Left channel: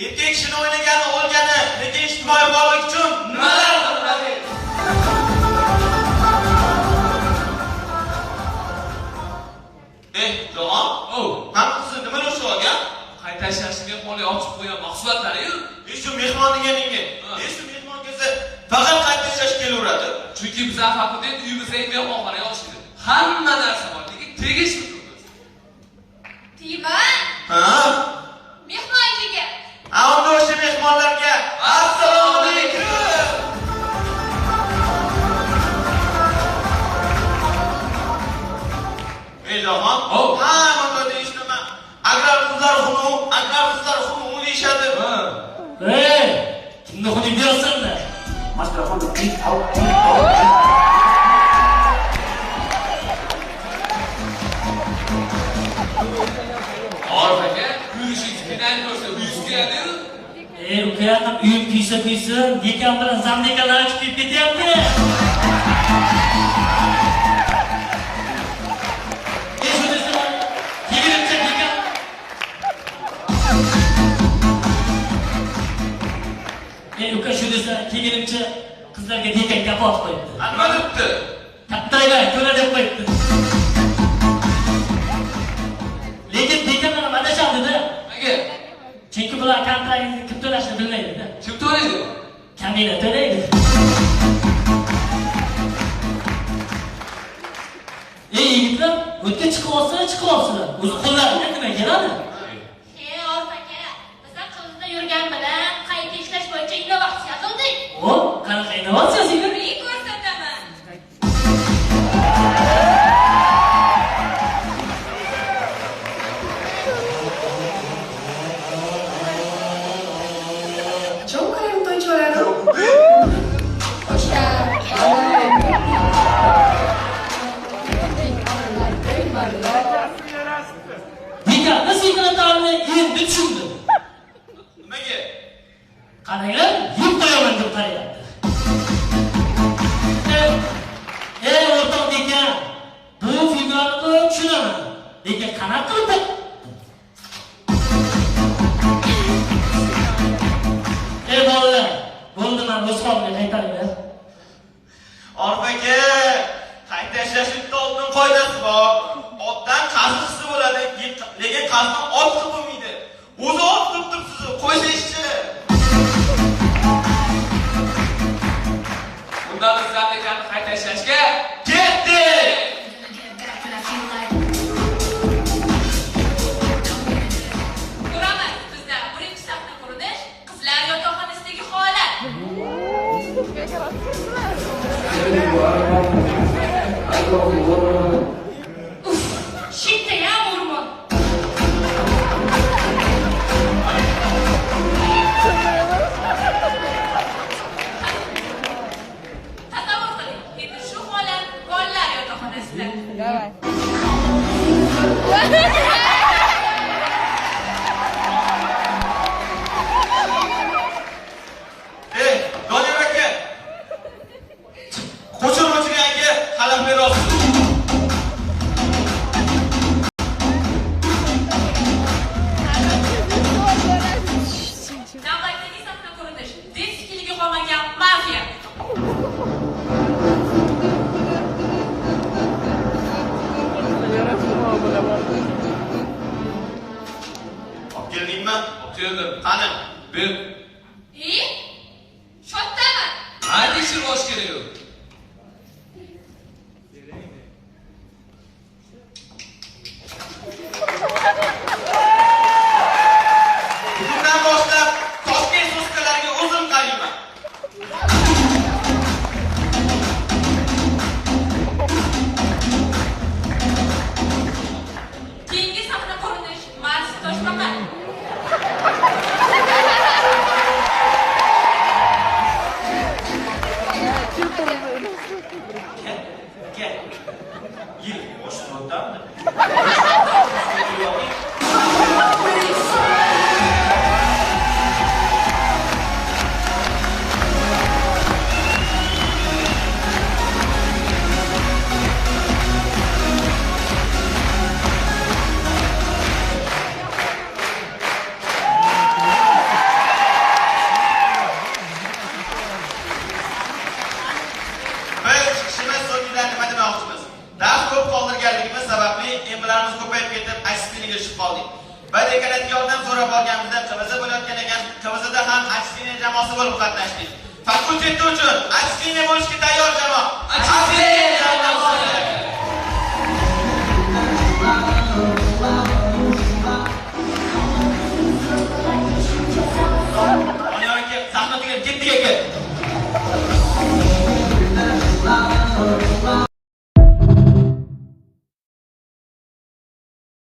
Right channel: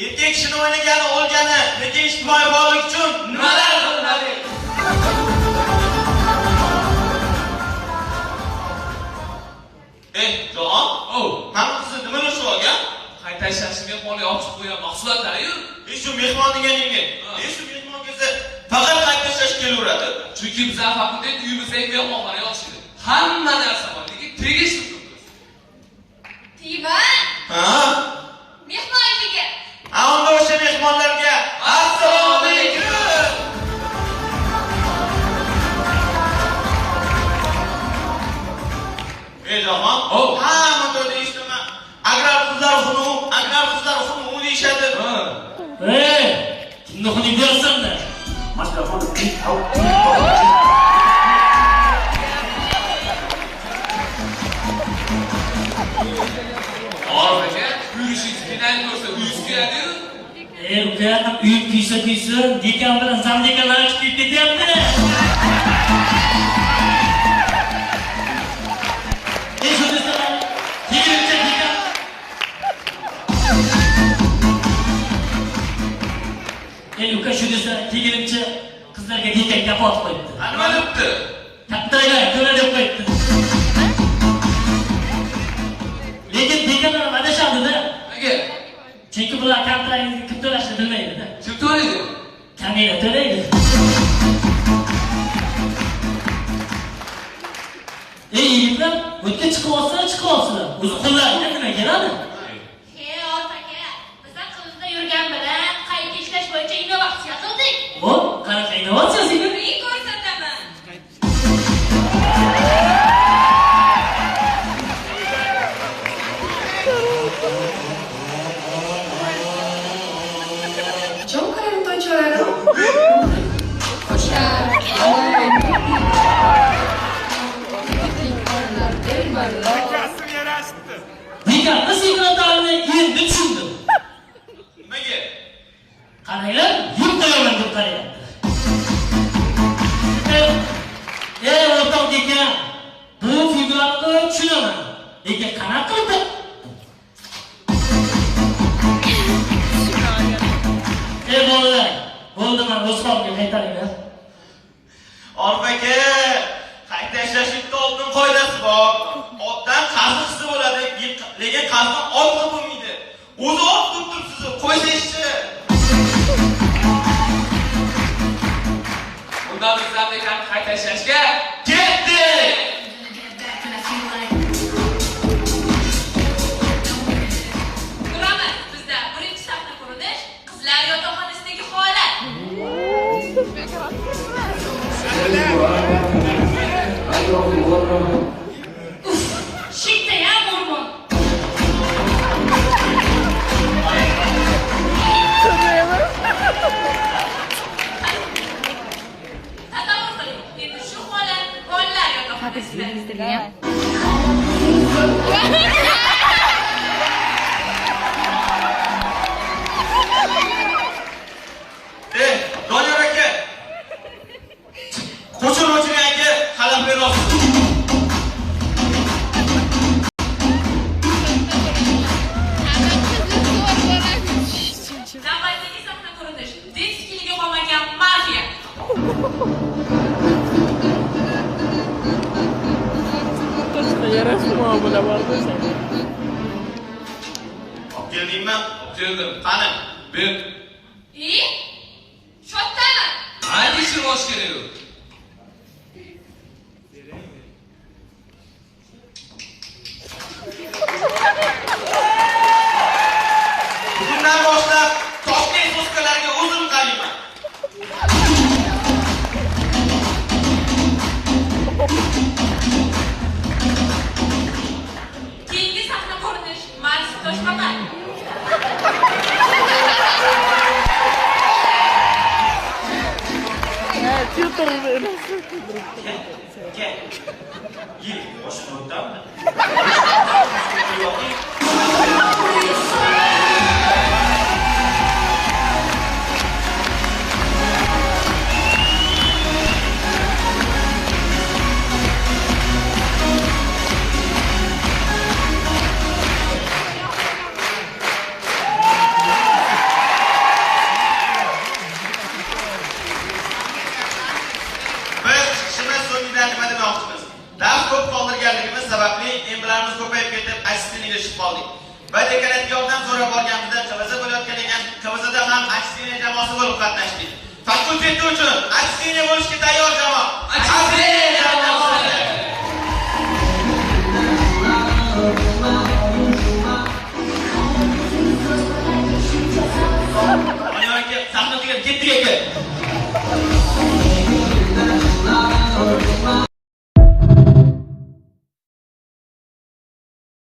Erkek kishini o'ynagani o'lgani, lekin ijtimoiy bog'lik uchun nimalar qiladi? Jon, mana qizni nima deb so'ragan? Qayta ishlashga mehmonga ochib qo'ygan mahsulotlar-ku. Shu mehmon deganingga, shu mehmon kelsa faqat qayta ishlash kelaveradi. Chunki biz fakultet uyimizga mehmonxona ochdik. Hamma narsa bor, lekin tegishli turibmiz. Tiyman. Ha? Mehmonga. Ammo o'sha mehmonlarga assalomu alaykum. Jon, hamma bo'ldi ishlama. Agrar qizlar xunu deyishadi. Kimni xunuk deyapsan-da? Orif aka, yurishing finalni ko'rsa uyingiz kuyadi-ku. Ukayatim uyim kuysa, dekambar zandekalar chiqib ketyapti. Uka shu desa, kegirimcha qizlarga dekan gap otib qo'yibdi. Nima debdi? Kattaga to'la deb qo'yibdi. Lekin dekan bilan adashamdi-da. Nega? Chunki bular kontraktni kim to'lashni bilmaydi-da. Kim to'laydi? Kamina to'laydi. Yigitlar, o'tga chiqib olsinlar. O'zi qo'llariga nima keladi? Orif aka, bizlar qizda yurgan bilan qayta ishlash bo'yicha innovatsiya qildik. Qanaqa innovatsiyasi? Ko'rsataman. Ciąkają to ciorero. Dekanni sekretarni endi tushundim. Nimaga? Qaranglar, yeb qo'yaman deb qarayapti. O'rtoq dekan, bu figurni tushunaman. Lekin qanaqa qildi? Bolalar, bo'ldi, men o'z qo'limga qaytaringlar. Orif aka, qayta ishlashlikda oldin qoidasi bor. Otdan qarzisi bo'ladi, lekin qarzdan ortiq bo'lmaydi. O'zi ot qilib turibsiz, qo'ysangchi. Bundan bizlar ekanni qayta ishlashga Ketdik! Ko'ramiz, bizda birinchi sahna qurilish, qizlar yotoqxonasidagi holat. Shitayam o'rmon. Tasavvur qiling, endi shu holat bolalar yotoqxonasida. Doniyor aka. Qo'shiluvchiga aka qalam berasiz. Navbatdagi sahna qurilish, diskiliga qolmagan Marfiya. Olib keldingmi? keldim. Qani? Men Shottaman. qanday ish bosh kerak? Bugundan boshlab Toshkent so'zkalariga o'zim qarayman. Keyingi sahna qurilish, Mars Toshbaqa. Aka, yil boshqa so'rab olganimizda KVZ bo'layotgan ekan. KVZda ham aksiyaniya jamoasi bo'lib qatnashdik. Fakultet uchun aksiyaniya bo'lishga tayyor jamoa. Aksiyaniya jamoasi.